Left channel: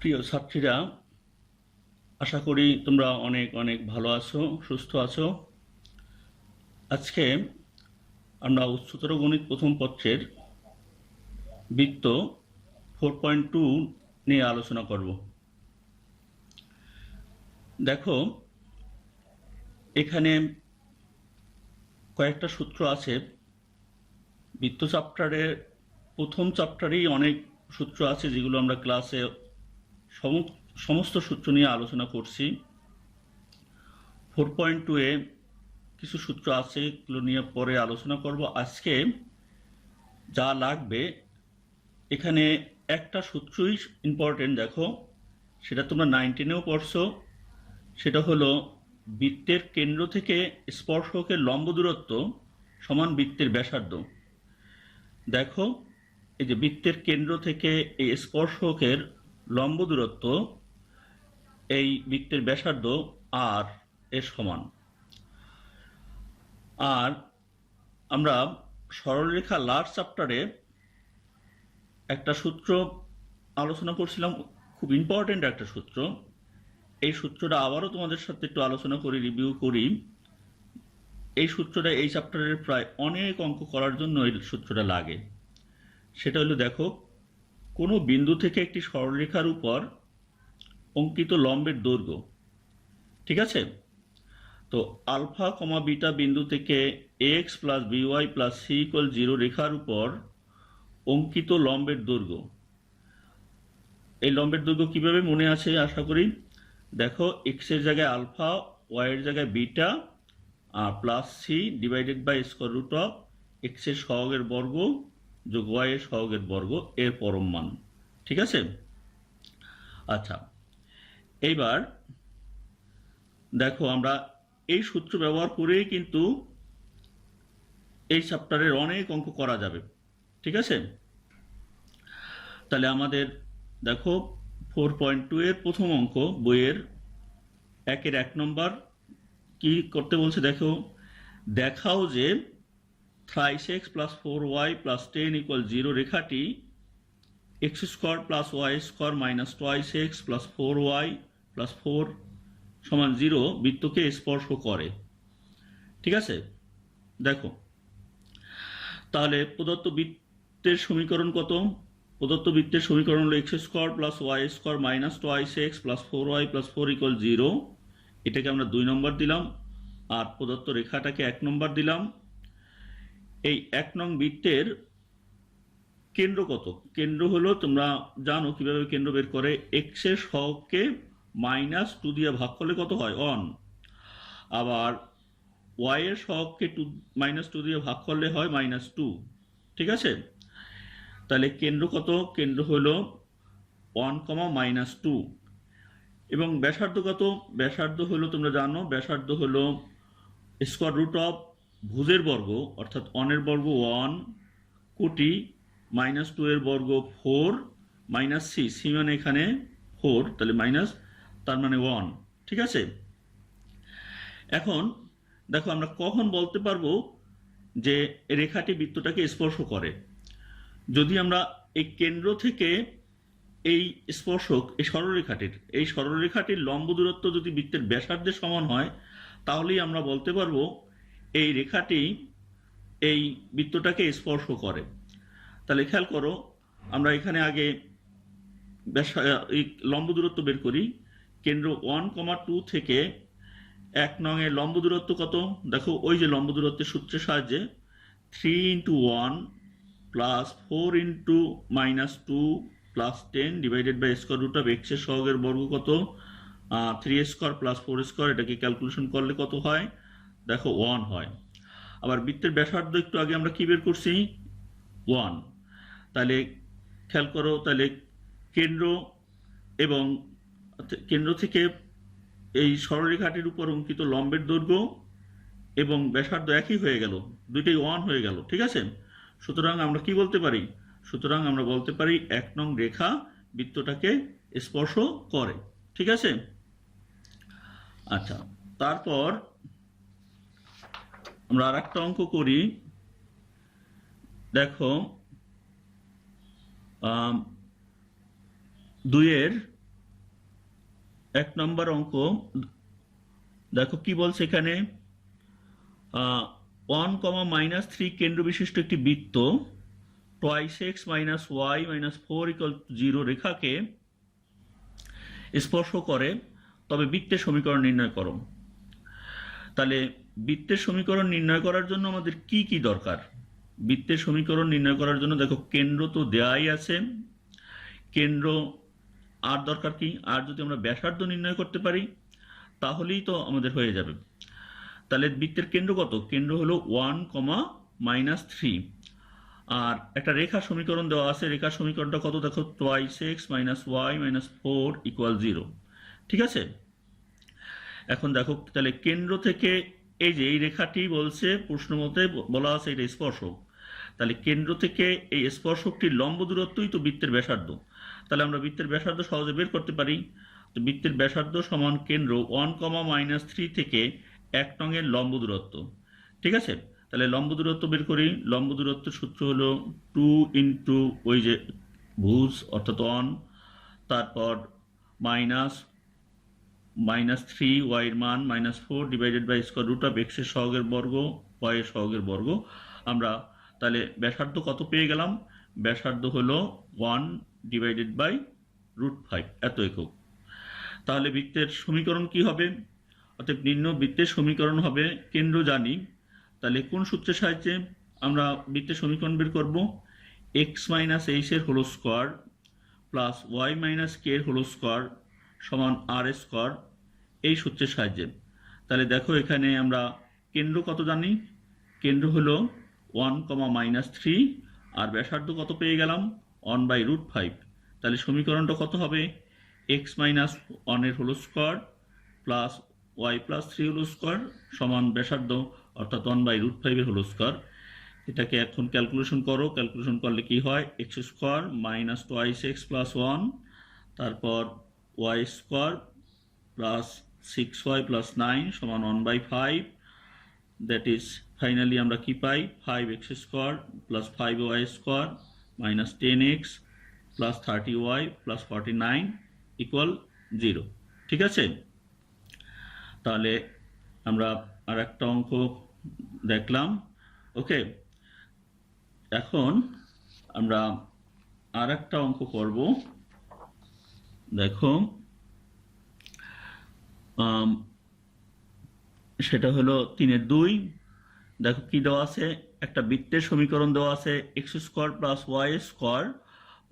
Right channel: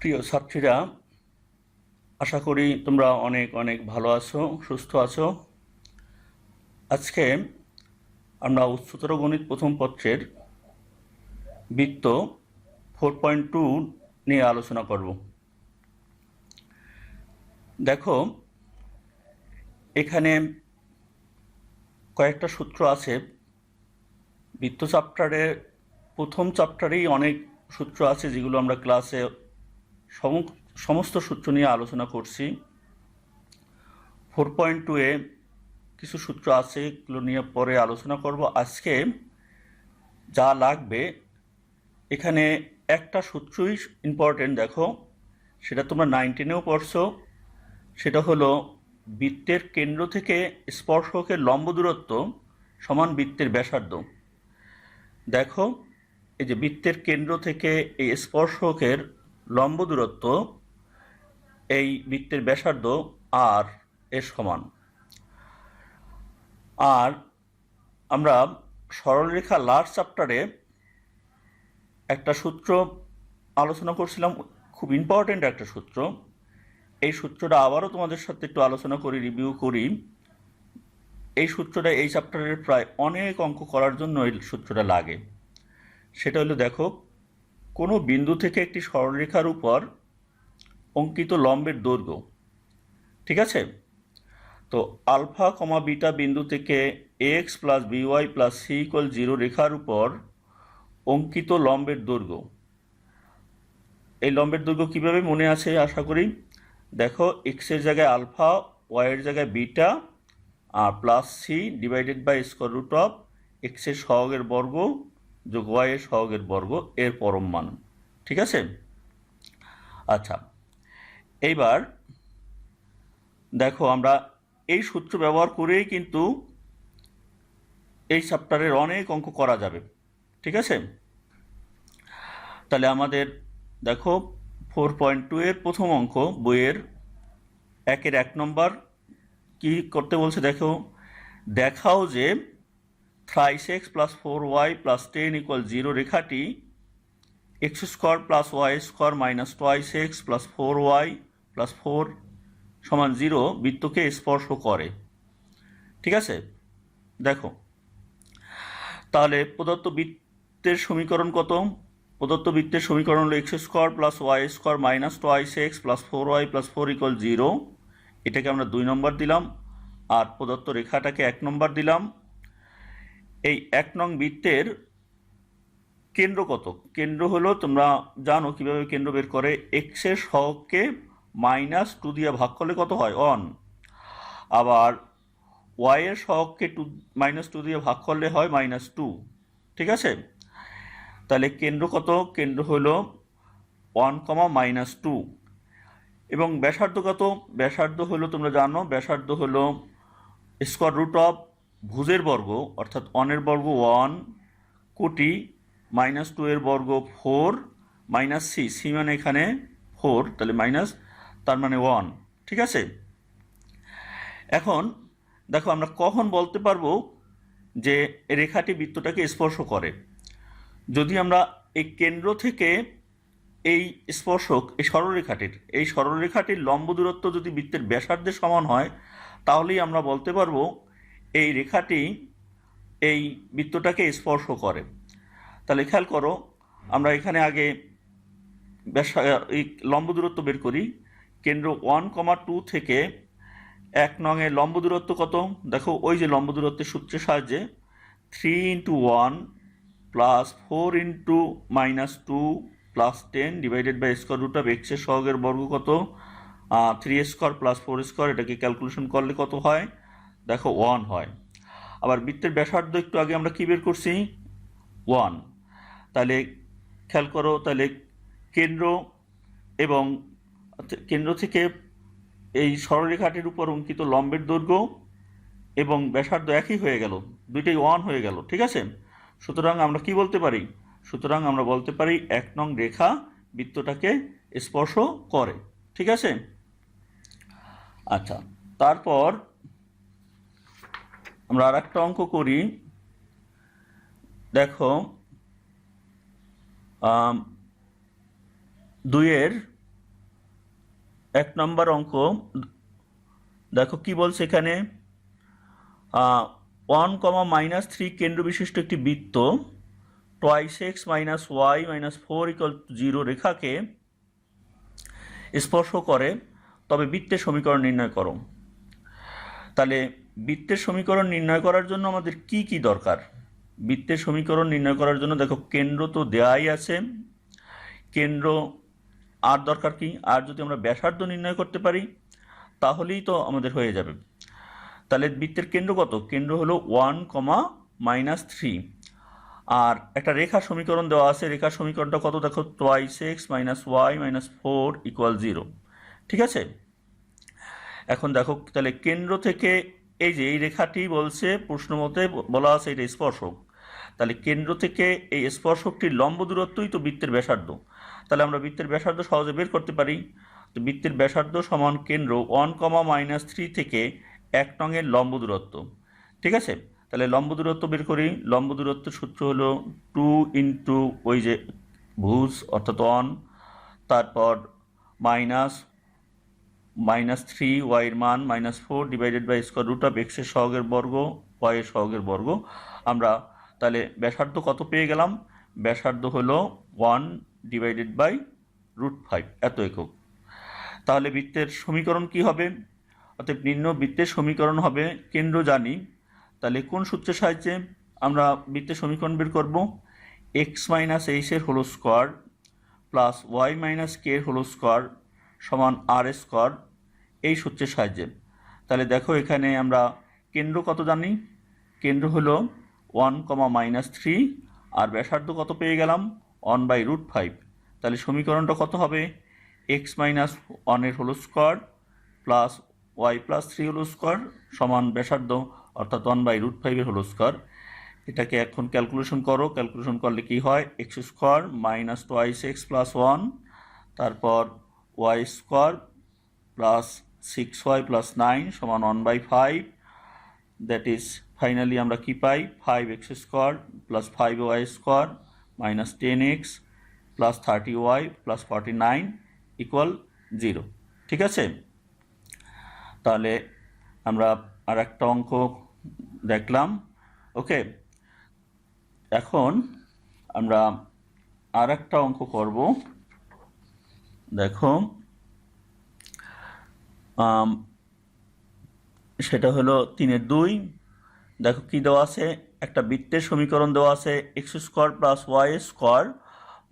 প্রিয় ছাত্রীরা, আশা করি তোমরা অনেক অনেক ভালো আছো, সুস্থ আছো। আজকে আমরা উচ্চতর গণিত প্রথম পত্রের বৃত্ত 4.2 নিয়ে আলোচনা করব। দেখো, এখানে কয়েকটা সূত্র আছে। বৃত্ত চ্যাপ্টারের প্রথম চ্যাপ্টারেই অনেক সূত্র আছে, যেগুলো আমরা ক্লাসে সমস্ত সূত্র নিয়ে আলোচনা করছি। 4.2-এ কিছু সূত্র আছে, এগুলো নিয়ে পরে আলোচনা করব। আজকে যা লাগবে, এখানে একটা সূত্রই ইম্পর্টেন্ট। দেখো, সেটা তোমরা 19-এও পড়ছো। সেটা হলো বৃত্তের কেন্দ্র থেকে স্পর্শকের লম্ব দূরত্ব সমান বৃত্তের ব্যাসার্ধ। দেখো, এই যে বৃত্তের কেন্দ্র থেকে এই স্পর্শকের লম্ব দূরত্ব এই বৃত্তের ব্যাসার্ধ আর এর সমান। আর আমরা সরলরেখা লাস্ট চ্যাপ্টারে একটা সূত্র আলোচনা করছিলাম, খুব ইম্পর্টেন্ট একটা সূত্র। এই সূত্রটা আবারও তোমাদের সাথে একটু আলোচনা করি, রিভিউ করি। এই সূত্রটা এই চ্যাপ্টারের প্রায় অনেক অঙ্ক করার জন্য এই সূত্রটা লাগে। সেটা হলো, দেখো, কোনো বিন্দু থেকে একটি সরলরেখার উপর অঙ্কিত লম্বের দৈর্ঘ্য, ঠিক আছে? তো আলফা কমা বিটা বিন্দু থেকে X plus B Y plus C equal 0 রেখার উপর অঙ্কিত লম্বের দৈর্ঘ্য। এই লম্বের দৈর্ঘ্য কীভাবে মনে আছে আশা করি। দেখো, এক্সের জায়গায় আলফা, ওয়াইয়ের জায়গায় বিটা, আর plus C divided by square root of এক্সের সহগের বর্গ যোগ ওয়াইয়ের সহগের বর্গ এর পরম মান, ঠিক আছে? আচ্ছা, এইবার দেখো, আমরা এই সূত্র ব্যবহার করেই কিন্তু এই চ্যাপ্টারের অনেক অঙ্ক করা যাবে, ঠিক আছে? তাহলে আমাদের দেখো 4.2-এর প্রথম অঙ্ক বইয়ের 1 নম্বর কি করতে বলছে। দেখো, দেখাও যে thrice X plus 4y plus 10 equal 0 রেখাটি X square plus Y square minus twice X plus 4y plus 4 সমান 0 বৃত্তকে স্পর্শ করে, ঠিক আছে? দেখো, তাহলে প্রদত্ত বৃত্তের সমীকরণ কত? প্রদত্ত বৃত্তের সমীকরণ হলো X square plus Y square minus twice X plus 4y plus 4 equal 0। এটাকে আমরা 2 নম্বর দিলাম, আর প্রদত্ত রেখাটাকে 1 নম্বর দিলাম। এই 1 নং বৃত্তের কেন্দ্র কত? কেন্দ্র হলো, তোমরা জানো কিভাবে কেন্দ্র বের করে। এক্সের সহগকে -2 দিয়ে ভাগ করলে কত হয়? 1। আবার ওয়াইয়ের সহগকে -2 দিয়ে ভাগ করলে হয় -2, ঠিক আছে? তাহলে কেন্দ্র কত? কেন্দ্র হলো 1, -2। এবং ব্যাসার্ধ কত? ব্যাসার্ধ হলো, তোমরা জানো, ব্যাসার্ধ হলো স্কোয়ার রুট অফ ভুজের বর্গ অর্থাৎ 1 এর বর্গ 1 কোটি -2 এর বর্গ 4 মাইনাস সি, সি মানে এখানে 4, তাহলে মাইনাস, তার মানে 1, ঠিক আছে? এখন দেখো, আমরা কখন বলতে পারবো যে রেখাটি বৃত্তটাকে স্পর্শ করে? যদি আমরা এই কেন্দ্র থেকে এই স্পর্শক, এই সরলরেখাটির লম্ব দূরত্ব যদি বৃত্তের ব্যাসার্ধের সমান হয়, তাহলেই আমরা বলতে পারবো এই রেখাটি এই বৃত্তটাকে স্পর্শ করে। তাহলে খেয়াল করো, আমরা এখানে আগে এই লম্ব দূরত্ব বের করি। কেন্দ্র 1, 2 থেকে 1 নং এর লম্ব দূরত্ব কত? দেখো, ওই যে লম্ব দূরত্বের সূত্রের সাহায্যে 3 × 1 plus 4 × -2 plus 10 divided by square root of এক্সের সহগের বর্গ কত? 3 স্কোয়ার প্লাস 4 স্কোয়ার। এটাকে ক্যালকুলেশন করলে কত হয়? দেখো, 1 হয়। আবার বৃত্তের ব্যাসার্ধ একটু আগে আমরা কি বের করছি? 1। তাহলে খেয়াল করো, তাহলে কেন্দ্র এবং কেন্দ্র থেকে এই সরলরেখাটির উপর অঙ্কিত লম্বের দৈর্ঘ্য এবং ব্যাসার্ধ একই হয়ে গেল, দুইটাই 1 হয়ে গেল, ঠিক আছে? সুতরাং আমরা কি বলতে পারি? সুতরাং আমরা বলতে পারি 1 নং রেখা বৃত্তটাকে স্পর্শ করে, ঠিক আছে? আচ্ছা, তারপর আমরা আর একটা অঙ্ক করি। দেখো, 2-এর এক নম্বর অঙ্ক দেখো কি বলছে এখানে, 1, -3 কেন্দ্র বিশিষ্ট একটি বৃত্ত twice X minus Y minus 4 = 0 রেখাকে স্পর্শ করে, তবে বৃত্তের সমীকরণ নির্ণয় করো। তাহলে বৃত্তের সমীকরণ নির্ণয় করার জন্য আমাদের কি কি দরকার? বৃত্তের সমীকরণ নির্ণয় করার জন্য দেখো কেন্দ্র তো দেয়াই আছে, কেন্দ্র আর দরকার কি, আর যদি আমরা ব্যাসার্ধ নির্ণয় করতে পারি তাহলেই তো আমাদের হয়ে যাবে। তাহলে বৃত্তের কেন্দ্র কত? কেন্দ্র হলো 1, -3, আর একটা রেখা সমীকরণ দেওয়া আছে। রেখা সমীকরণটা কত দেখো, twice X minus Y minus 4 = 0। ঠিক আছে, এখন দেখো তাহলে কেন্দ্র থেকে এই যে এই রেখাটি বলছে প্রশ্ন মতে বলা আছে এটা স্পর্শক, তাহলে কেন্দ্র থেকে এই স্পর্শকটির লম্ব দূরত্বই তো বৃত্তের ব্যাসার্ধ। তাহলে আমরা বৃত্তের ব্যাসার্ধ সহজে বের করতে পারি। তো বৃত্তের ব্যাসার্ধ সমান কেন্দ্র 1, -3 থেকে 1 নংয়ের লম্ব দূরত্ব। ঠিক আছে, তাহলে লম্ব দূরত্ব বের করি। লম্ব দূরত্বের সূত্র হলো 2 ইন্টু ওই যে ভুজ অর্থাৎ 1, তারপর -3 y এর মান -4 /√x এর সহগের বর্গ y এর সহগের বর্গ। আমরা তাহলে ব্যাসার্ধ কত পেয়ে গেলাম? ব্যাসার্ধ হলো 1/√5 এত একক। তাহলে বৃত্তের সমীকরণ কি হবে? অর্থাৎ নির্ণয় বৃত্তের সমীকরণ হবে, কেন্দ্র জানি, তাহলে কোন সূত্রের সাহায্যে আমরা বৃত্তের সমীকরণ বের করব? x - h এর whole square plus y - k এর হোল স্কোয়ার সমান r স্কোয়ার, এই সূত্রের সাহায্যে। তাহলে দেখো এখানে আমরা কেন্দ্র কত জানি, কেন্দ্র হলো 1, -3, আর ব্যাসার্ধ কত পেয়ে গেলাম? 1/√5। তাহলে সমীকরণটা কত হবে? x - 1 এর whole square plus y + 3 whole square সমান ব্যাসার্ধ অর্থাৎ 1/√5 এর হোল স্কোয়ার। এটাকে এখন ক্যালকুলেশন করো, ক্যালকুলেশন করলে কি হয়? x square minus twice X plus 1, তারপর y স্কোয়ার প্লাস 6y + 9 সমান 1/5, দ্যাট ইজ ফাইনালি আমরা কি পাই? 5x square plus 5y square minus 10x plus 30y plus 49 = 0। ঠিক আছে, তাহলে আমরা আর একটা অঙ্ক দেখলাম। ওকে, এখন আমরা আর একটা অঙ্ক করব। দেখো সেটা হলো 3-2। দেখো কি দেওয়া আছে, একটা বৃত্তের সমীকরণ দেওয়া আছে x² + y²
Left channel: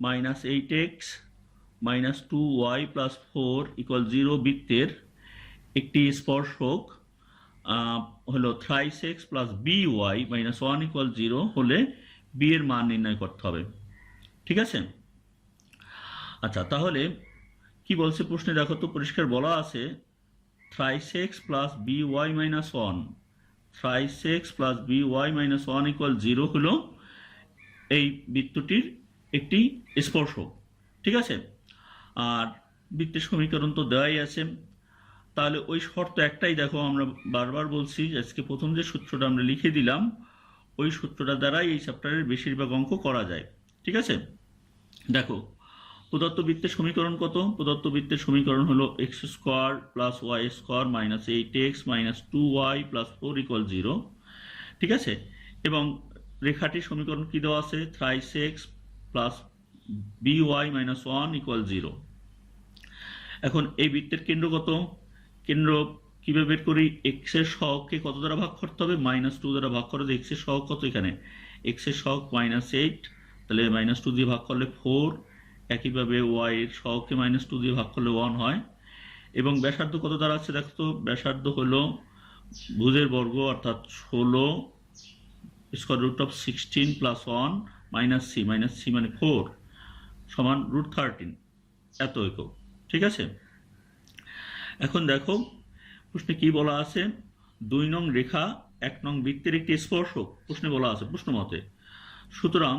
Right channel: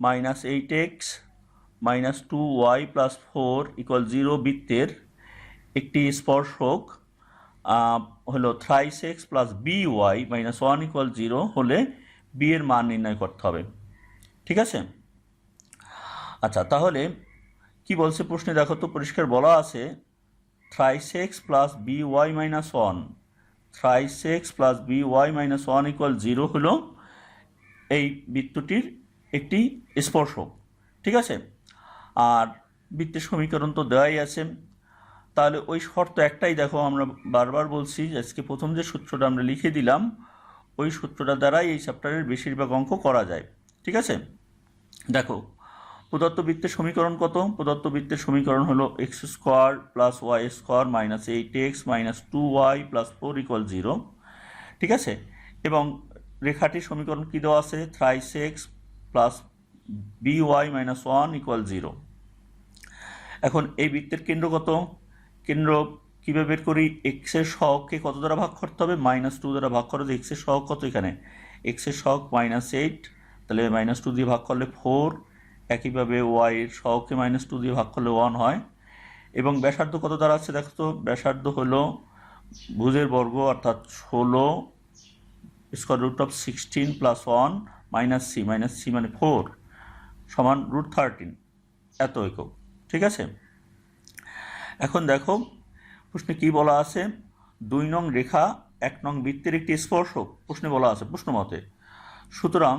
-8x - 2y + 4 = 0 বৃত্তের একটি স্পর্শক হলো থ্রাইস এক্স প্লাস by -1 = 0 হলে b এর মান নির্ণয় করতে হবে। ঠিক আছে, আচ্ছা তাহলে কি বলছে প্রশ্নে দেখো তো, পরিষ্কার বলা আছে thrice X plus by -1, thrice X plus by -1 = 0 হলো এই বৃত্তটির একটি স্পর্শক। ঠিক আছে, আর বৃত্তের সমীকরণ তো দেওয়াই আছে। তাহলে ওই শর্ত একটাই, দেখো আমরা বারবার বলছি আজকে প্রথম যে সূত্রটা আমরা লিখে দিলাম ওই সূত্রটা দ্বারাই এই চ্যাপ্টারের বেশিরভাগ অঙ্ক করা যায়। ঠিক আছে, দেখো প্রদত্ত বৃত্তের সমীকরণ কত? প্রদত্ত বৃত্তের সমীকরণ হলো x² + y² -8x - 2y + 4 = 0। ঠিক আছে, এবং রেখাটির সমীকরণ কি দেওয়া আছে? Thrice X plus by -1 = 0। এখন এই বৃত্তের কেন্দ্র কত? কেন্দ্র কীভাবে বের করি? এক্স এর সহগকে কত দ্বারা ভাগ করতে হবে? -2 দ্বারা ভাগ করে। এক্স এর সহগ কত? এখানে এক্স এর সহগ -8, তাহলে -2 দিয়ে ভাগ করলে 4। একইভাবে ওয়াই এর সহগকে -2 দিয়ে ভাগ করলে 1 হয়। এবং ব্যাসার্ধ কত দ্বারা আছে দেখো তো? ব্যাসার্ধ হলো ভুজের বর্গ অর্থাৎ 16 √16 + 1 - c মানে 4 সমান √13 এত একক। ঠিক আছে, এখন দেখো প্রশ্নে কি বলা আছে? 2 নং রেখা 1 নং বৃত্তের একটি স্পর্শক প্রশ্নে বলা আছে প্রশ্ন মতে। সুতরাং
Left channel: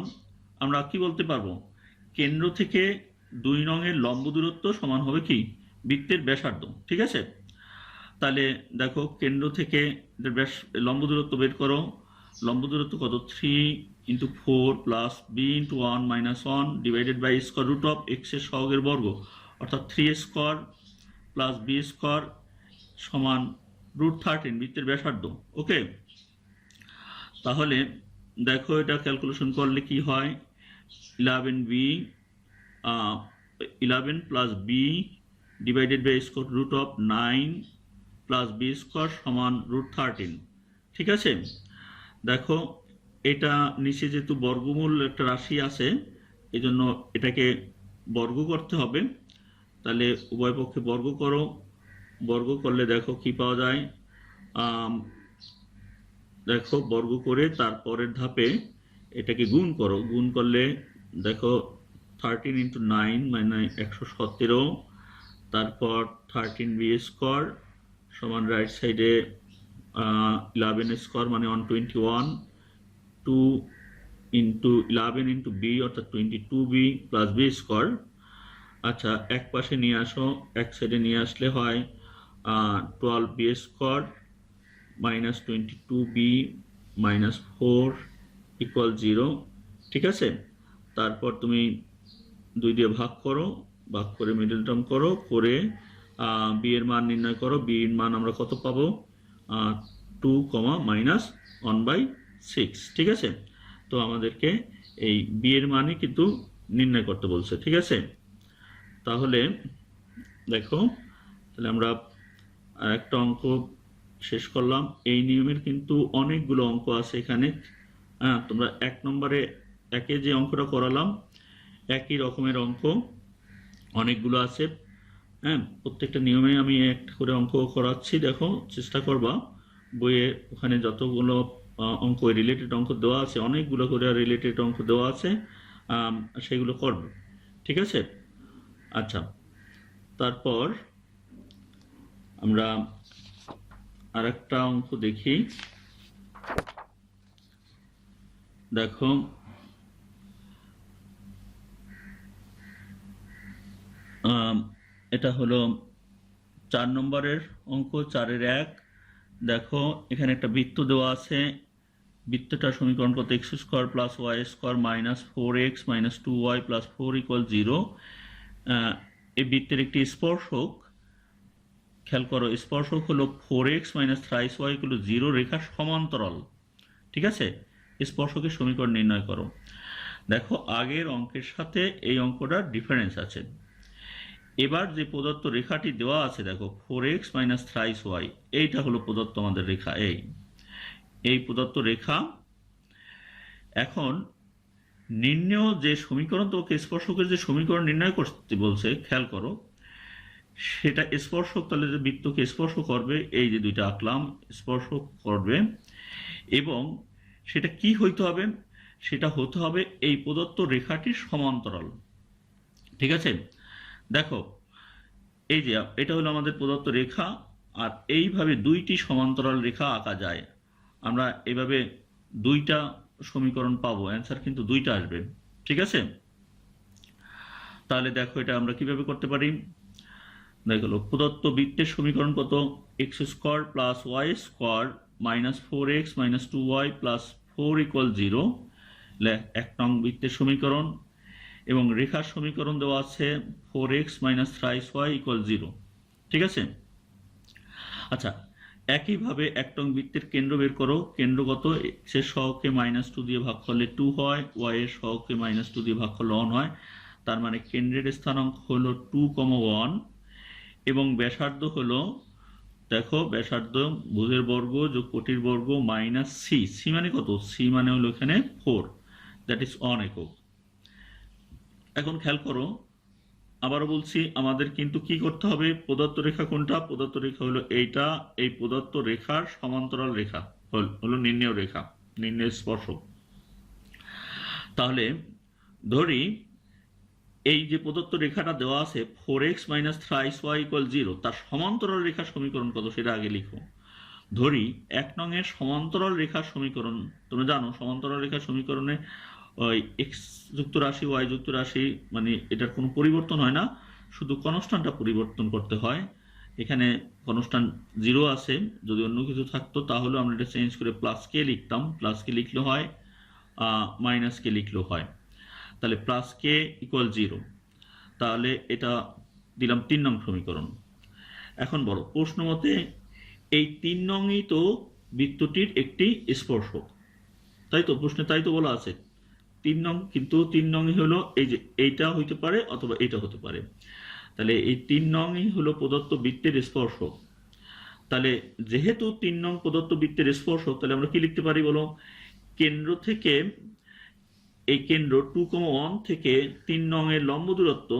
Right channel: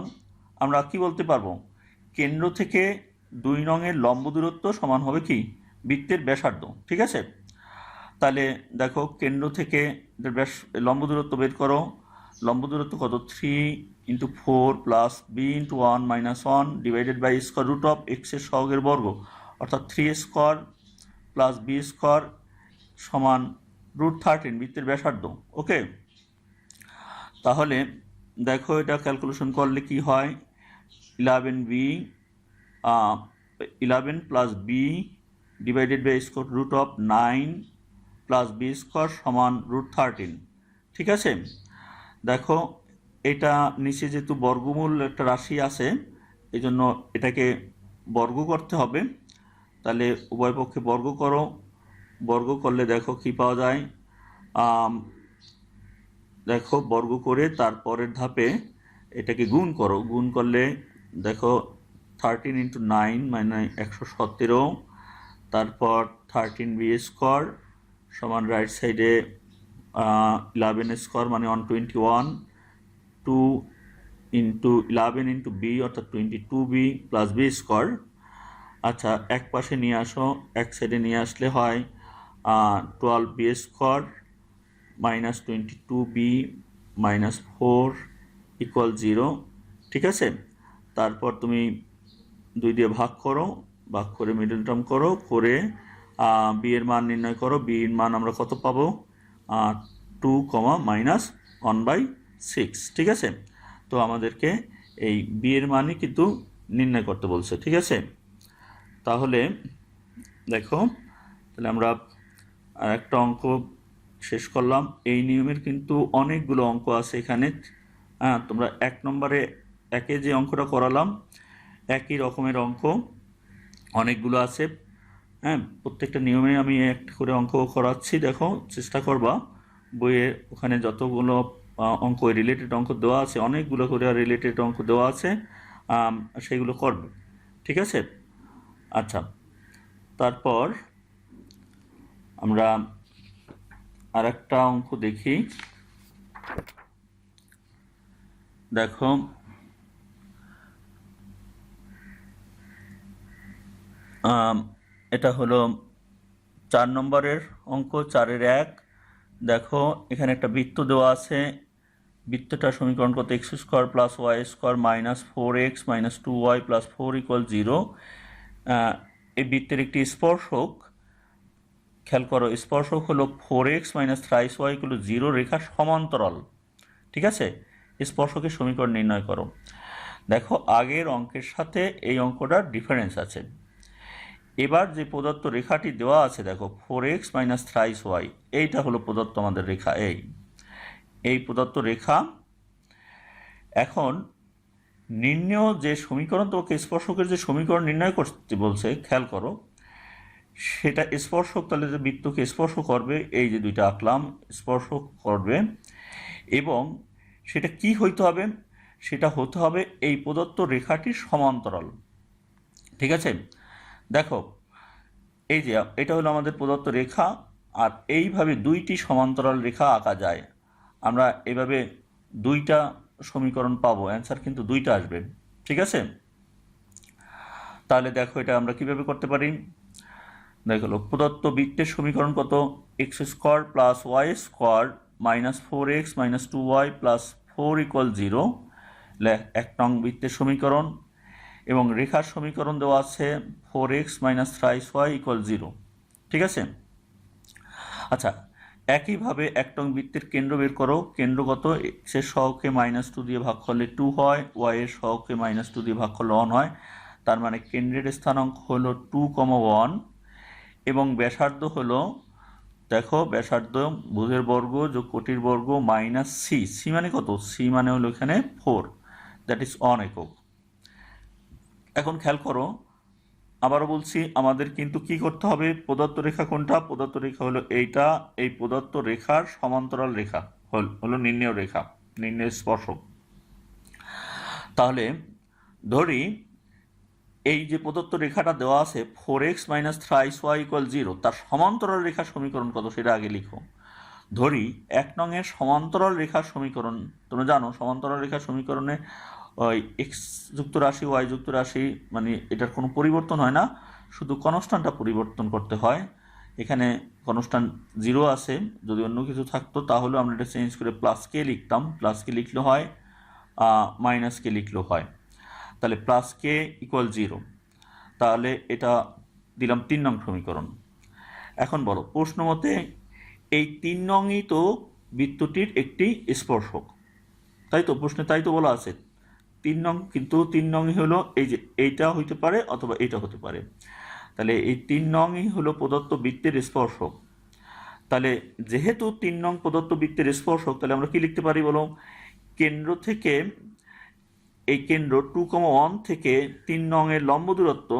আমরা কি বলতে পারবো? কেন্দ্র থেকে 2 নংয়ের লম্ব দূরত্ব সমান হবে কি? বৃত্তের ব্যাসার্ধ। ঠিক আছে, তাহলে দেখো কেন্দ্র থেকে লম্ব দূরত্ব বের করো। লম্ব দূরত্ব কত? 3 × 4 + b × 1 - 1 / √x এর সহগের বর্গ অর্থাৎ 3² প্লাস বি স্কোয়ার সমান √13 বৃত্তের ব্যাসার্ধ। ওকে, তাহলে দেখো এটা ক্যালকুলেশন করলে কি হয়, 11 plus B divided by √9 plus B square সমান √13। ঠিক আছে, দেখো এটা নিচে যেহেতু বর্গমূল একটা রাশি আছে, এই জন্য এটাকে বর্গ করতে হবে। তাহলে উভয় পক্ষে বর্গ করো, বর্গ করলে দেখো কি পাওয়া যায়, দেখো বর্গ করে তারপরের ধাপে এটাকে গুণ করো, গুণ করলে দেখো 13 × 9 মানে 117, তারপর 13 বি স্কোয়ার সমান রাইট সাইডে 11 স্কোয়ার মানে 121, 2 × 11 × বি অর্থাৎ 22b প্লাস বি স্কোয়ার। আচ্ছা, এক পাশে নিয়ে আসো, এক সাইডে নিয়ে আসলে হয় 12 B square minus 22b minus 4 equal 0। ঠিক আছে, তারপর তুমি 2 দিয়ে ভাগ করো, ভাগ করে মিডল টার্ম করো, করে বি এর মান নির্ণয় করো। বি এর মান আমরা কত পাবো, 2, -1/6। ঠিক আছে, তো আমাদেরকে এই বি এর মানই কিন্তু নির্ণয় করতে বলছে। ঠিক আছে, তাহলে দেখো, তাহলে আমরা একটা অঙ্ক শেষ করলাম। এই নিয়মের কিন্তু অনেকগুলো অঙ্ক আছে এখানে। তোমরা 1 নম্বরে একে যে অঙ্কটা করালাম একই রকমের অঙ্ক অনেকগুলো আছে। প্রত্যেকটা নিয়মে আমি একটা করে অঙ্ক করাচ্ছি, দেখো চেষ্টা করবা বইয়ে ওখানে যতগুলো অঙ্ক রিলেটেড অঙ্ক দেওয়া আছে, অনেকগুলো করে রিলেটেড অঙ্ক দেওয়া আছে, সেগুলো করবে। ঠিক আছে, আচ্ছা, তারপর আমরা আর একটা অঙ্ক দেখি। দেখো এটা হলো 4 নম্বরের অঙ্ক, 4-এর 1। দেখো এখানে একটা বৃত্ত দেওয়া আছে, বৃত্তটা সমীকরণ কত, x² + y² - 4x - 2y + 4 = 0। এই বৃত্তের একটি স্পর্শক, খেয়াল করো স্পর্শক হলো 4x - 3y = 0 রেখার সমান্তরাল। ঠিক আছে, স্পর্শকের সমীকরণ নির্ণয় করো। দেখো আগের অঙ্কের সাথে এই অঙ্কটার ডিফারেন্স আছে। এবার যে প্রদত্ত রেখাটি দেওয়া আছে, দেখো 4x - 3y, এইটা হলো প্রদত্ত আমাদের রেখা, এই প্রদত্ত রেখা। এখন নির্ণয় যে সমীকরণ, তোমাকে স্পর্শকের যে সমীকরণ নির্ণয় করতে বলছে, খেয়াল করো সেটা স্পর্শক, তাহলে যে বৃত্তকে স্পর্শ করবে, এই যে দুইটা আঁকলাম স্পর্শক করবে, এবং সেটা কি হইতে হবে, সেটা হতে হবে এই প্রদত্ত রেখাটির সমান্তরাল। ঠিক আছে, দেখো এই যে এটা হলো আমাদের প্রদত্ত রেখা, আর এইভাবে দুইটি সমান্তরাল রেখা আঁকা যায়। আমরা এভাবে দুইটা সমীকরণ পাবো, অ্যান্সার কিন্তু দুইটা আসবে। ঠিক আছে, তাহলে দেখো এটা আমরা কিভাবে করতে পারি। দেখো প্রদত্ত বৃত্তের সমীকরণ কত, x² + y² - 4x - 2y + 4 = 0, 1 নং বৃত্তের সমীকরণ, এবং রেখার সমীকরণ দেওয়া আছে 4x - 3y = 0। ঠিক আছে, আচ্ছা, একইভাবে 1 নং বৃত্তের কেন্দ্র বের করো। কেন্দ্র কত, x এর সহগকে -2 দিয়ে ভাগ করলে 2 হয়, y এর সহগকে -2 দিয়ে ভাগ করলে 1 হয়। তার মানে কেন্দ্রের স্থানাঙ্ক হলো 2, 1, এবং ব্যাসার্ধ হলো, দেখো ব্যাসার্ধ ভুজের বর্গ যোগ কোটির বর্গ - c। c মানে কত, c মানে হলো এখানে 4, দ্যাট ইজ 1 একক। এখন খেয়াল করো, আবারও বলছি, আমাদের কিন্তু কি করতে হবে, প্রদত্ত রেখা কোনটা, প্রদত্ত রেখা হলো এইটা, এই প্রদত্ত রেখার সমান্তরাল রেখা হলো নির্ণেয় রেখা, নির্ণেয় স্পর্শক। তাহলে ধরি এই যে প্রদত্ত রেখাটা দেওয়া আছে 4x - 3y = 0, তার সমান্তরাল রেখার সমীকরণ কত সেটা আগে লিখো। ধরি 1 নং এর সমান্তরাল রেখার সমীকরণ, তোমরা জানো সমান্তরাল রেখার সমীকরণে ওই x যুক্ত রাশি y যুক্ত রাশি, মানে এটার কোনো পরিবর্তন হয় না, শুধু কনস্ট্যান্টটা পরিবর্তন করতে হয়। এখানে কনস্ট্যান্ট 0 আছে, যদি অন্য কিছু থাকতো তাহলে আমরা এটা চেঞ্জ করে +k লিখতাম, +k লিখলে হয়, -k লিখলেও হয়। তাহলে +k = 0, তাহলে এটা দিলাম 3 নং সমীকরণ। এখন বলো, প্রশ্ন মতে এই 3 নংই তো বৃত্তটির একটি স্পর্শক, তাই তো? প্রশ্নে তাই তো বলা আছে 3 নং, কিন্তু 3 নংই হলো এই যে এইটা হইতে পারে অথবা এটা হতে পারে। তাহলে এই 3 নংই হলো প্রদত্ত বৃত্তের স্পর্শক। তাহলে যেহেতু 3 নং প্রদত্ত বৃত্তের স্পর্শক, তাহলে আমরা কি লিখতে পারি বলো? কেন্দ্র থেকে এই কেন্দ্র 2,1 থেকে 3 নং এর লম্ব দূরত্ব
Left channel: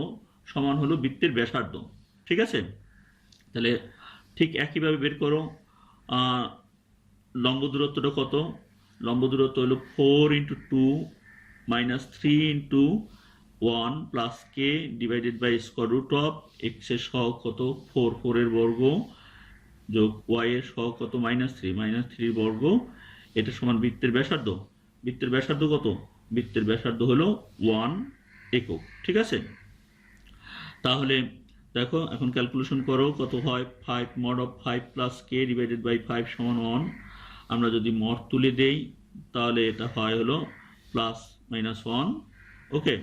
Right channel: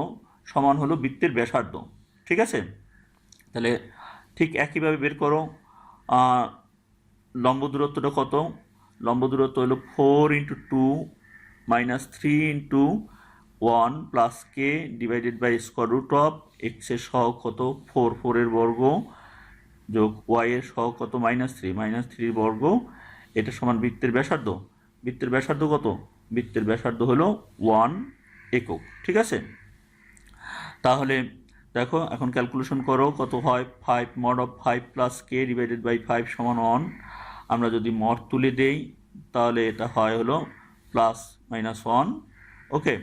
সমান হলো বৃত্তের ব্যাসার্ধ। ঠিক আছে? তাহলে ঠিক একইভাবে বের করো লম্ব দূরত্বটা কত। লম্ব দূরত্ব হলো 4 × 2 - 3 × 1 plus K divided by square root of X এর সহগ কত 4, 4 এর বর্গ যোগ ওয়াই এর সহগ কত -3 বর্গ, এটা সমান বৃত্তের ব্যাসার্ধ। বৃত্তের ব্যাসার্ধ কত? বৃত্তের ব্যাসার্ধ হলো 1 একক। ঠিক আছে? তাহলে দেখো এখন ক্যালকুলেশন করো, কত হয় 5 mod of 5 plus K divided by 5 সমান 1। আমরা যদি মড তুলে দেই তাহলে এটা হয় হলো +-1। ওকে,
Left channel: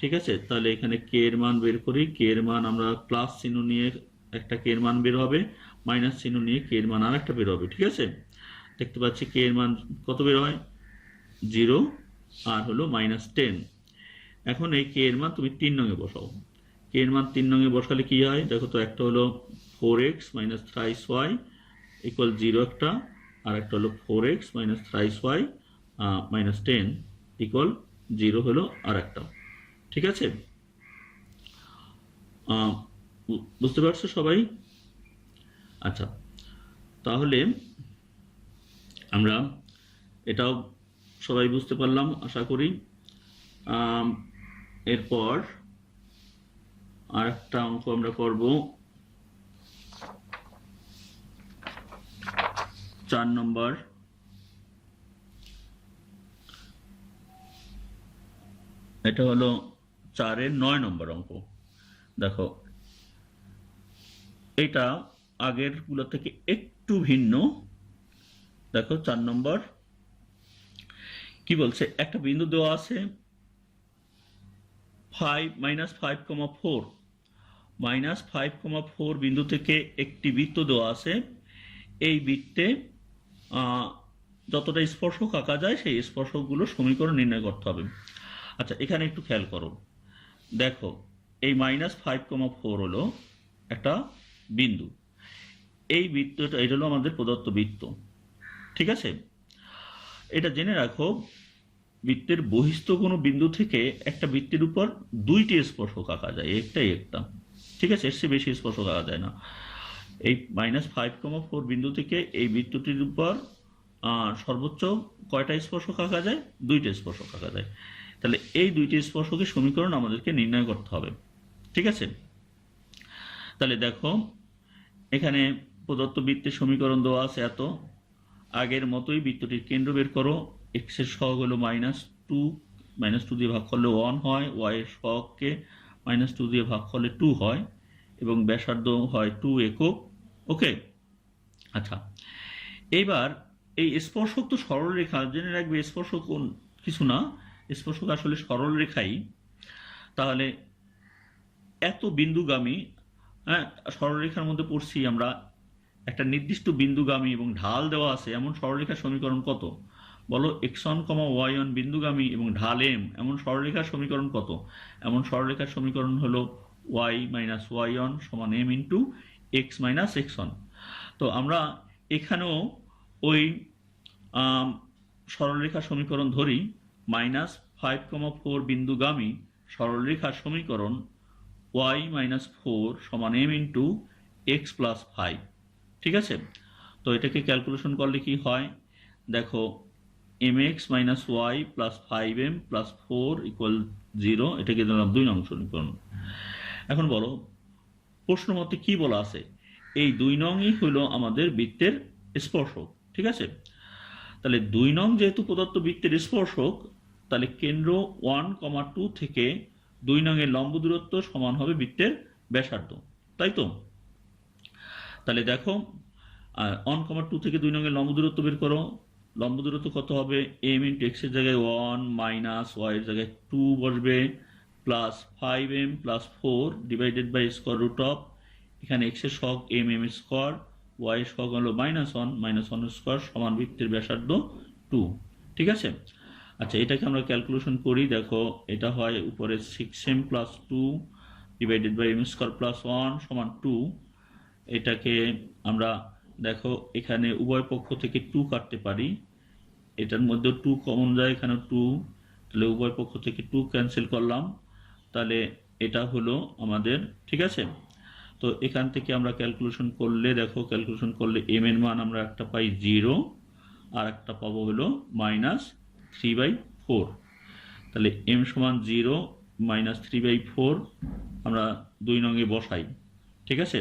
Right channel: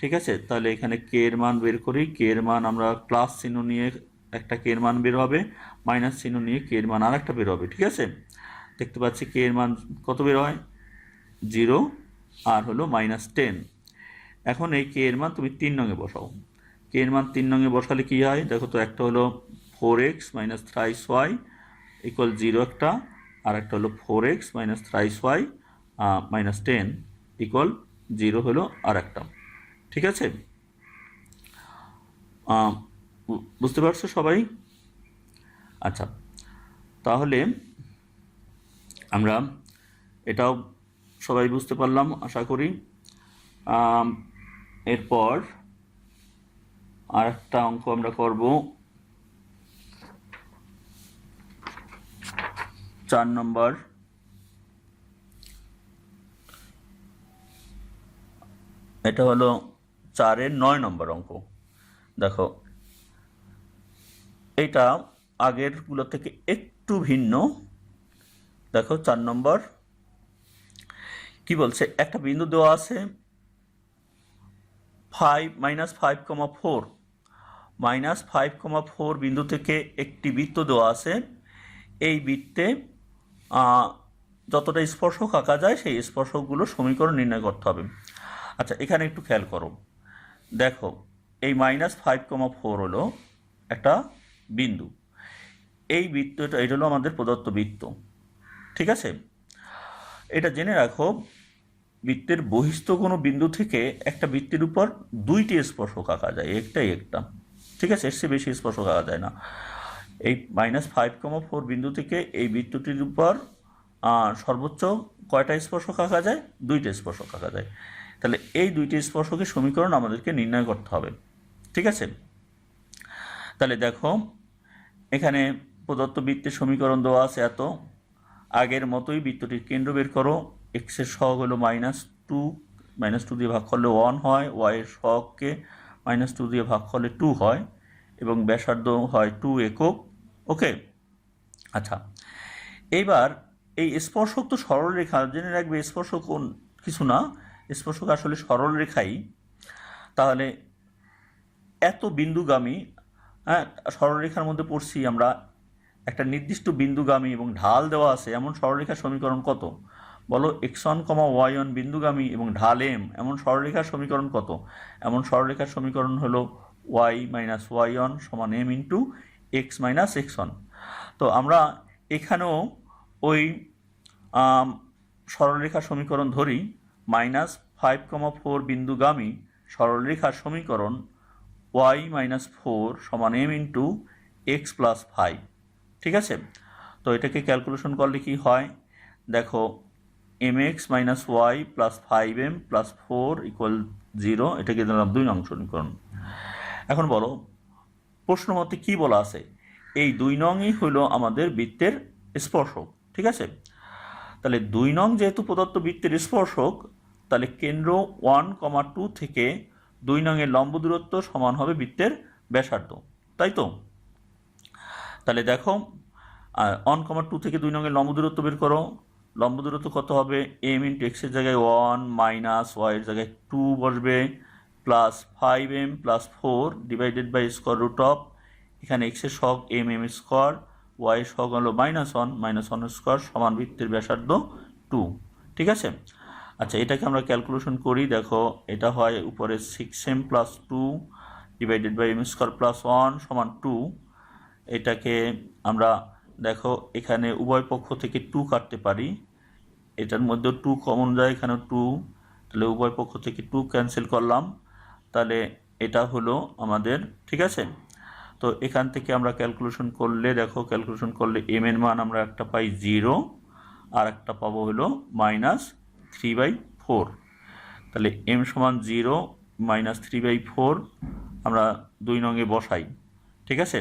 ঠিক আছে? তাহলে এখানে কে এর মান বের করি। কে এর মান আমরা প্লাস চিহ্ন নিয়ে একটা কে এর মান বের হবে, মাইনাস চিহ্ন নিয়ে কে এর মান আর একটা বের হবে। ঠিক আছে? দেখতে পাচ্ছি কে এর মান কত বের হয় 0 আর হলো -10। এখন এই কে এর মান তুমি 3 নঙে বসাও। কে এর মান 3 নঙে বসালে কি হয় দেখো তো, একটা হলো 4x - thrice-y = 0 একটা, আর একটা হলো 4x - thrice-y - 10 = 0 হলো আর একটা। ঠিক আছে? বুঝতে পারছো সবাই? আচ্ছা, তাহলে আমরা এটাও সবাই বুঝতে পারলাম আশা করি। এরপর আর একটা অঙ্ক আমরা করব, 4 নম্বর। এটা হলো 4-এর 9 নম্বর অঙ্ক। দেখো এটা আগেরগুলো থেকে একটু ভিন্ন। দেখো 4 নম্বর কি বলছে, একটা বিন্দু দেওয়া আছে 5 - 5,4 -5,4 বিন্দু থেকে একটি বৃত্ত দেওয়া আছে। এই বৃত্তে যতটা স্পর্শক আঁকা যায় সেই স্পর্শকগুলো সমীকরণ নির্ণয় করতে হবে। আচ্ছা, এখানে একটু খেয়াল করো। দেখো এই -5,4 হলো একটা বিন্দু। এই বৃত্তটা, এটা হলো আমাদের প্রদত্ত বৃত্ত। ঠিক আছে? এটা জেনে রাখো, বৃত্তের বহিস্থ কোনো বিন্দু থেকে একটা বৃত্তের উপর 2টি স্পর্শক আঁকা যায়, একটাই একটা। ঠিক আছে? এর চেয়ে বেশি স্পর্শক আঁকা যায় না। এই -5,4 বিন্দু থেকে এই বৃত্তটির উপর সর্বোচ্চ কয়টা স্পর্শক আঁকা যায়? 2টি স্পর্শক আঁকা যায়। তাহলে এই 2টি স্পর্শকের সমীকরণ আমাদেরকে নির্ণয় করতে হবে। ঠিক আছে? তাহলে দেখো এখানে প্রদত্ত বৃত্তের সমীকরণ দেওয়া আছে এত। আগের মতোই বৃত্তটির কেন্দ্র বের করো। এক্স এর সহগ হলো -2 দিয়ে ভাগ করলে 1 হয়, ওয়াই এর সহগকে -2 দিয়ে ভাগ করলে 2 হয়, এবং ব্যাসার্ধ হয় 2 একক। ওকে, আচ্ছা, এইবার এই স্পর্শক তো সরলরেখা, জেনে রাখবে স্পর্শক কোন কিছু না, স্পর্শক আসলে সরলরেখাই। তাহলে এত বিন্দুগামী, হ্যাঁ, সরলরেখার মধ্যে পড়ছি আমরা, একটা নির্দিষ্ট বিন্দুগামী এবং ঢাল দেওয়া আছে এমন সরলরেখার সমীকরণ কত? বলো, x1, y1 বিন্দুগামী এবং ঢাল m এমন সরলরেখার সমীকরণ কত? এমন সরলরেখার সমীকরণ হলো y - y1 সমান m × x - x1। তো আমরা এখানেও ওই সরলরেখার সমীকরণ ধরি। -5,4 বিন্দুগামী সরলরেখার সমীকরণ y - 4 সমান m × x + 5। ঠিক আছে? তো এটাকে ক্যালকুলেশন করলে কি হয় দেখো, mx - y + 5m + 4 = 0। এটাকে দিলাম 2 নং সমীকরণ। এখন বলো, প্রশ্ন মতে কি বলা আছে? এই 2 নংই হলো আমাদের বৃত্তের স্পর্শক। ঠিক আছে? তাহলে 2 নং যেহেতু প্রদত্ত বৃত্তের স্পর্শক, তাহলে কেন্দ্র 1,2 থেকে 2 নংয়ের লম্ব দূরত্ব সমান হবে বৃত্তের ব্যাসার্ধ। তাই তো? তাহলে দেখো 1,2 থেকে 2 নংয়ের লম্ব দূরত্ব বের করো। লম্ব দূরত্ব কত হবে? m × x এর জায়গায় 1 - y এর জায়গায় 2 বসবে, +5m + 4 divided by square root of এখানে এক্সের সহগ এম এম স্কোয়ার, ওয়াই এর সহগ হলো -1 -1 স্কোয়ার সমান বৃত্তের ব্যাসার্ধ 2। ঠিক আছে। আচ্ছা, এটাকে আমরা ক্যালকুলেশন করি। দেখো, এটা হয় উপরে 6m + 2 divided by m square + 1 সমান 2। এটাকে আমরা দেখো এখানে উভয় পক্ষ থেকে 2 কাটতে পারি, এটার মধ্যে 2 কমন যায়, এখানে 2, তাহলে উভয় পক্ষ থেকে 2 ক্যান্সেল করলাম, তাহলে এটা হলো আমাদের। ঠিক আছে। তো এখান থেকে আমরা ক্যালকুলেশন করলে দেখো, ক্যালকুলেশন করলে এম এর মান আমরা একটা পাই 0 আর একটা পাবো হলো -3/4। তাহলে এম সমান 0 -3/4 আমরা 2 নঙে বসাই। ঠিক আছে।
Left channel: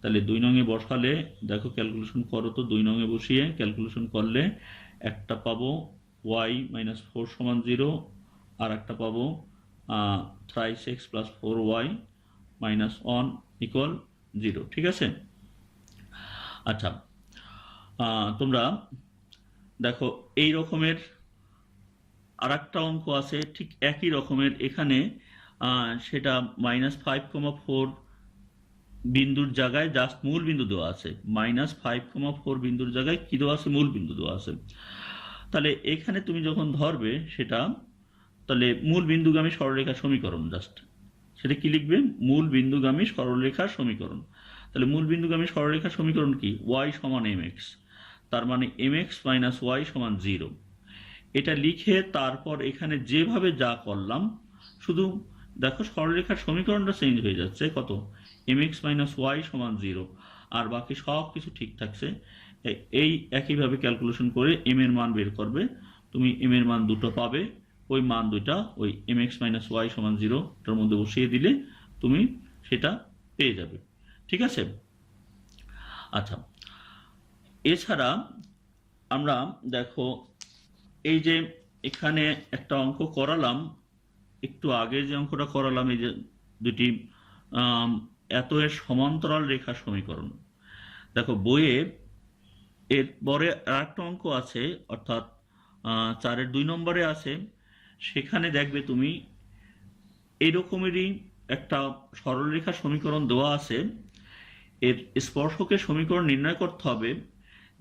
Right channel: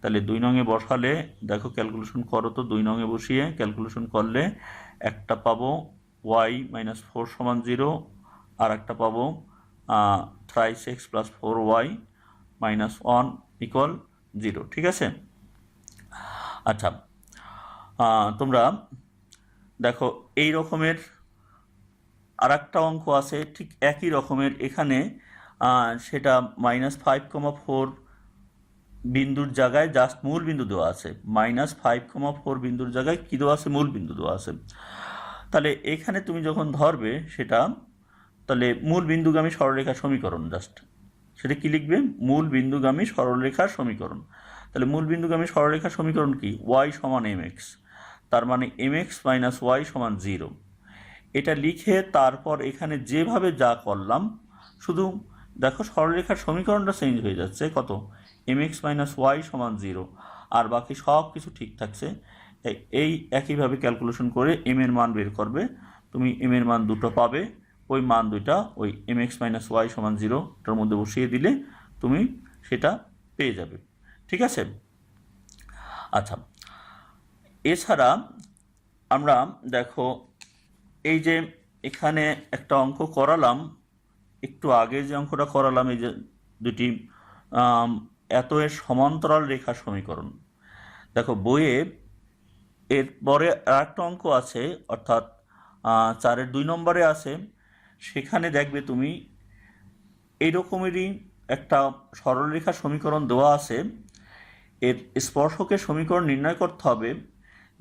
তাহলে 2 নঙে বসালে দেখো, ক্যালকুলেশন করো তো, 2 নঙে বসিয়ে ক্যালকুলেশন করলে একটা পাবো y - 4 সমান 0 আর একটা পাবো 3x + 4y - 1 = 0। ঠিক আছে। আচ্ছা, তোমরা দেখো এই রকমের আর একটা অঙ্ক আছে ঠিক একই রকমের, এখানে সেটা -5,4 বিন্দুর জায়গায় জাস্ট মূল বিন্দু দেওয়া আছে। -5,4 বিন্দুর জায়গায় কী দেওয়া আছে? মূল বিন্দু দেওয়া আছে। তাহলে এখানে তুমি যখন ধরবে সেটা, তাহলে মূল বিন্দুগামী সরলরেখার সমীকরণ, জাস্ট সেটা কি লিখবে? মূল বিন্দুগামী সরলরেখার সমীকরণ। তাহলে মূল বিন্দুগামী সরলরেখার সমীকরণ কি? y = mx, তার মানে mx - y = 0। এটা লিখে তারপর এখানে যেভাবে যা করলাম, শুধু দেখো সরলরেখার সমীকরণটা চেঞ্জ হয়ে যাচ্ছে, কত? mx - y = 0, আর বাকি সব কিছু ঠিক থাকছে। এই একইভাবে ক্যালকুলেশন করে এম এর মান বের করবে, তুমি এম এর মান দুটো পাবে, ওই মান দুইটা ওই mx - y = 0 টার মধ্যে বসিয়ে দিলে তুমি সেটা পেয়ে যাবে। ঠিক আছে। আচ্ছা, এছাড়া আমরা দেখো এই যে এখানে একটা অঙ্ক করালাম, একটু আগে যে অঙ্কটা করালাম, এই যে দুটি এত এর সমান্তরাল রেখা সমীকরণ, দেখো বইয়ে এরপরে আর একটা অঙ্ক আছে, অর্থাৎ 4-এর 2 নম্বরে আছে। সেখানে দেখবে তুমি এইরকমেরই একটা সরলরেখা সমীকরণ দেওয়া আছে, এর স্পর্শকের সমীকরণ নির্ণয় করতে হবে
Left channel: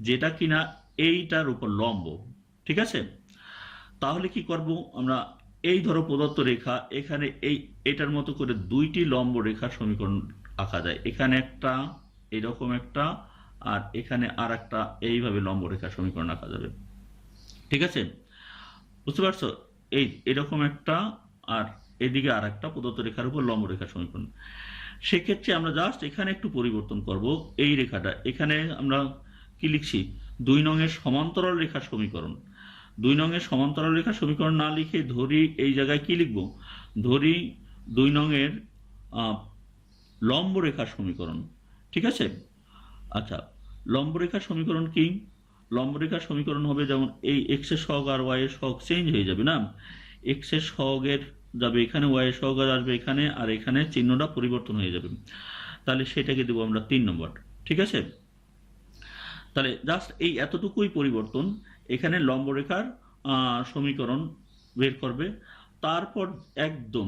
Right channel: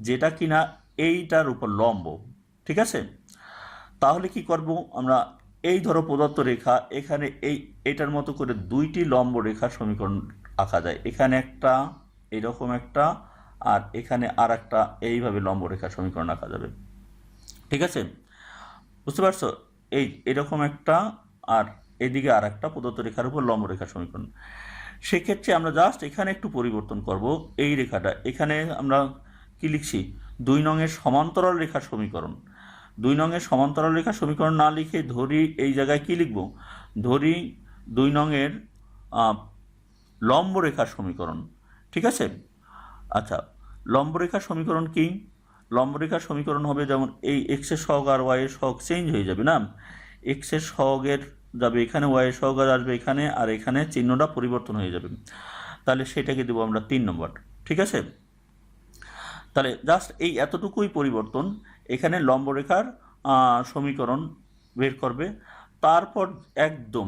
যেটা কিনা এইটার উপর লম্ব। ঠিক আছে। তাহলে কি করব আমরা? এই ধরো প্রদত্ত রেখা, এখানে এইটার মতো করে দুইটি লম্ব রেখার সমীকরণ আঁকা যায়। এখানে একটা, এইরকম একটা, আর এখানে আর একটা, এইভাবে লম্ব রেখার সমীকরণ আঁকা যাবে। ঠিক আছে, বুঝতে পারছো? এরকম একটা, আর এদিকে আর একটা প্রদত্ত রেখার উপর লম্ব রেখার সমীকরণ। সেক্ষেত্রে আমরা জাস্ট এখানে একটু পরিবর্তন করব। এই রেখাটা এখানে আমরা কি লিখছি? 2 নঙের সমান্তরাল রেখার সমীকরণ। 2 নঙের সমান্তরাল রেখার সমীকরণ না লিখে ধরি এই জায়গায় কি লিখব? ধরি 2 নঙের লম্ব রেখার সমীকরণ। ঠিক আছে। আচ্ছা, লম্ব রেখার সমীকরণ কি? লম্ব রেখার সমীকরণ হবে যেমন এই এক্স এর সহগ আর ওয়াই এর সহগ চেঞ্জ হয়ে যাবে না? এক্স এর সহগের যাবে এখানে, ওয়াই এর সহগ আসবে এখানে, আর এখানে চিহ্নটা পরিবর্তন হয়ে যাবে। তাহলে সেটাকে দেবো আমরা 3 নম্বর। ঠিক আছে। তাহলে জাস্ট এই এতটুকুই পরিবর্তন, এখানে লম্ব রেখার সমীকরণ বের করবে, তারপর একদম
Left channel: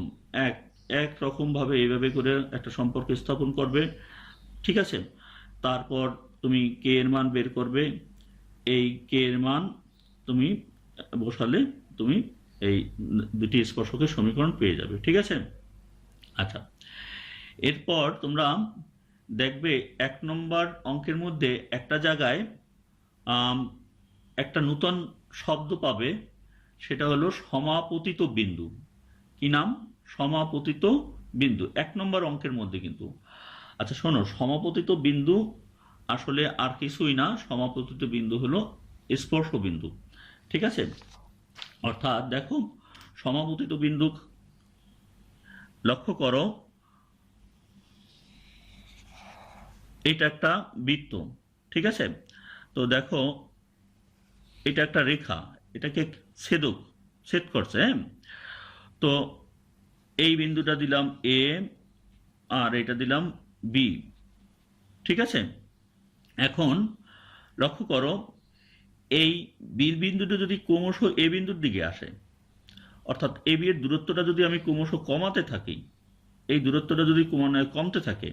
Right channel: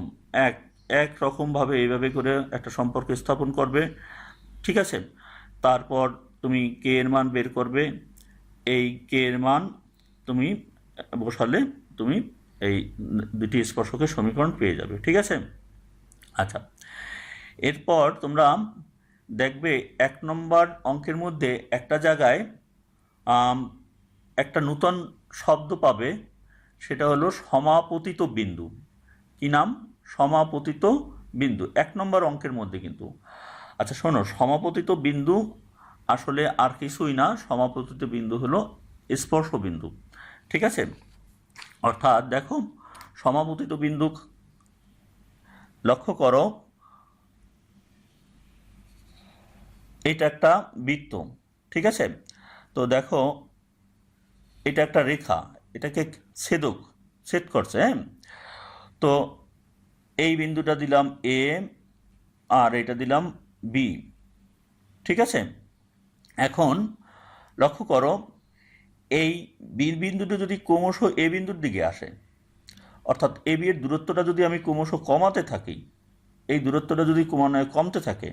এক রকমভাবে এইভাবে করে একটা সম্পর্ক স্থাপন করবে। ঠিক আছে। তারপর তুমি কে এর মান বের করবে, এই কে এর মান তুমি বসালে তুমি এই দুটি স্পর্শকের সমীকরণ পেয়ে যাবে। ঠিক আছে। আচ্ছা, এরপর তোমরা দেখবে 1 নম্বর অঙ্কের মধ্যে একটা জায়গায় একটা নূতন শব্দ পাবে, সেটা হলো সমাপতিত বিন্দু। কি নাম? সমাপতিত বিন্দু, 1 নম্বর অঙ্কের মধ্যে কিন্তু। আচ্ছা শোনো, সমাপতিত বিন্দু আসলে আর কিছুই না, সমাপতিত বিন্দু হলো স্পর্শ বিন্দু। ঠিক আছে। অর্থাৎ দেখো, সমাপতিত বিন্দু লক্ষ্য করো, এটা একটা বৃত্ত। ঠিক আছে। তো দেখো, এটা একটা রেখা, এটাকে ছেদ করছে। হ্যাঁ, তো এই বিন্দুটা দিলাম এ আর এটা দিলাম বি। ঠিক আছে। এখন লক্ষ্য করো, এই বি বিন্দুটা যদি ক্রমশ এ বিন্দুর দিকে আসে, অর্থাৎ এ বি এর দূরত্বটা যদি আমি ক্রমশ কমাতে থাকি, এই দূরত্বটা যদি কমতে থাকে,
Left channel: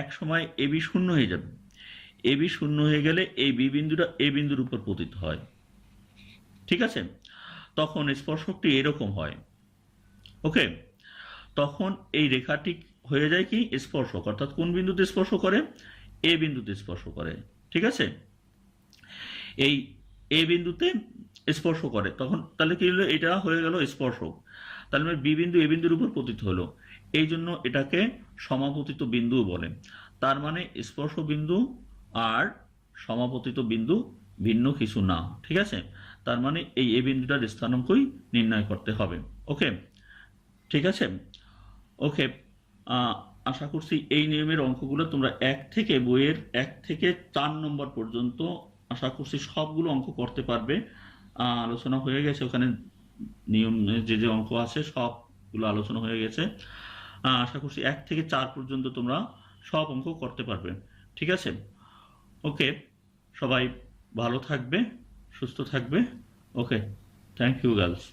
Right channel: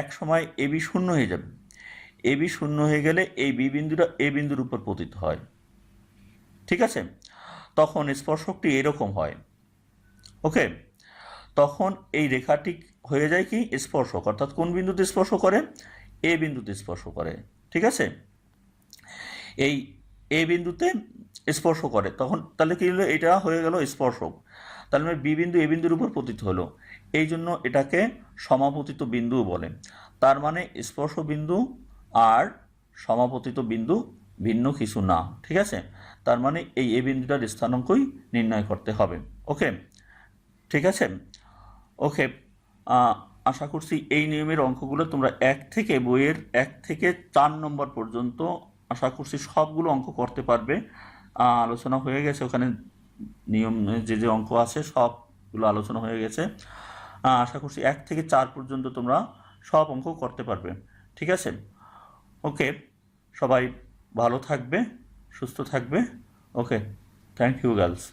এক সময় এবি শূন্য হয়ে যাবে। এবি শূন্য হয়ে গেলে এই বি বিন্দুটা এ বিন্দুর উপর পতিত হয়, ঠিক আছে? তখন স্পর্শকটি এরকম হয়, ওকে? তখন এই রেখাটি হয়ে যায় কি স্পর্শক, অর্থাৎ কোন বিন্দুতে স্পর্শ করে? এ বিন্দুতে স্পর্শ করে, ঠিক আছে? এই এ বিন্দুতে স্পর্শ করে, তখন তাহলে কি হলো? এটা হয়ে গেল স্পর্শক। তাহলে মানে বি বিন্দু এ বিন্দুর উপর পতিত হলো, এই জন্য এটাকে সমাপতিত বিন্দু বলে। তার মানে স্পর্শ বিন্দু আর সমাপতিত বিন্দু ভিন্ন কিছু না, ঠিক আছে? তার মানে এই এ বিন্দুটার স্থানাঙ্কই নির্ণয় করতে হবে, ওকে? ঠিক আছে, ওকে। আশা করছি এই নিয়মের অঙ্কগুলো তোমরা বইয়ের 1 থেকে 4 নম্বর পর্যন্ত আশা করছি সবগুলো অঙ্ক করতে পারবে। আলোচনা হয়ে গেছে ওখানে, নিয়ম যে যে অঙ্ক আছে সবগুলো আলোচনা হয়ে গেছে। আশা করছি 1 থেকে 4 পর্যন্ত তোমরা সব অঙ্ক করতে পারবে, ঠিক আছে? ওকে, সবাই ভালো থাকবে, সুস্থ থাকবে, ওকে। Thank you girls.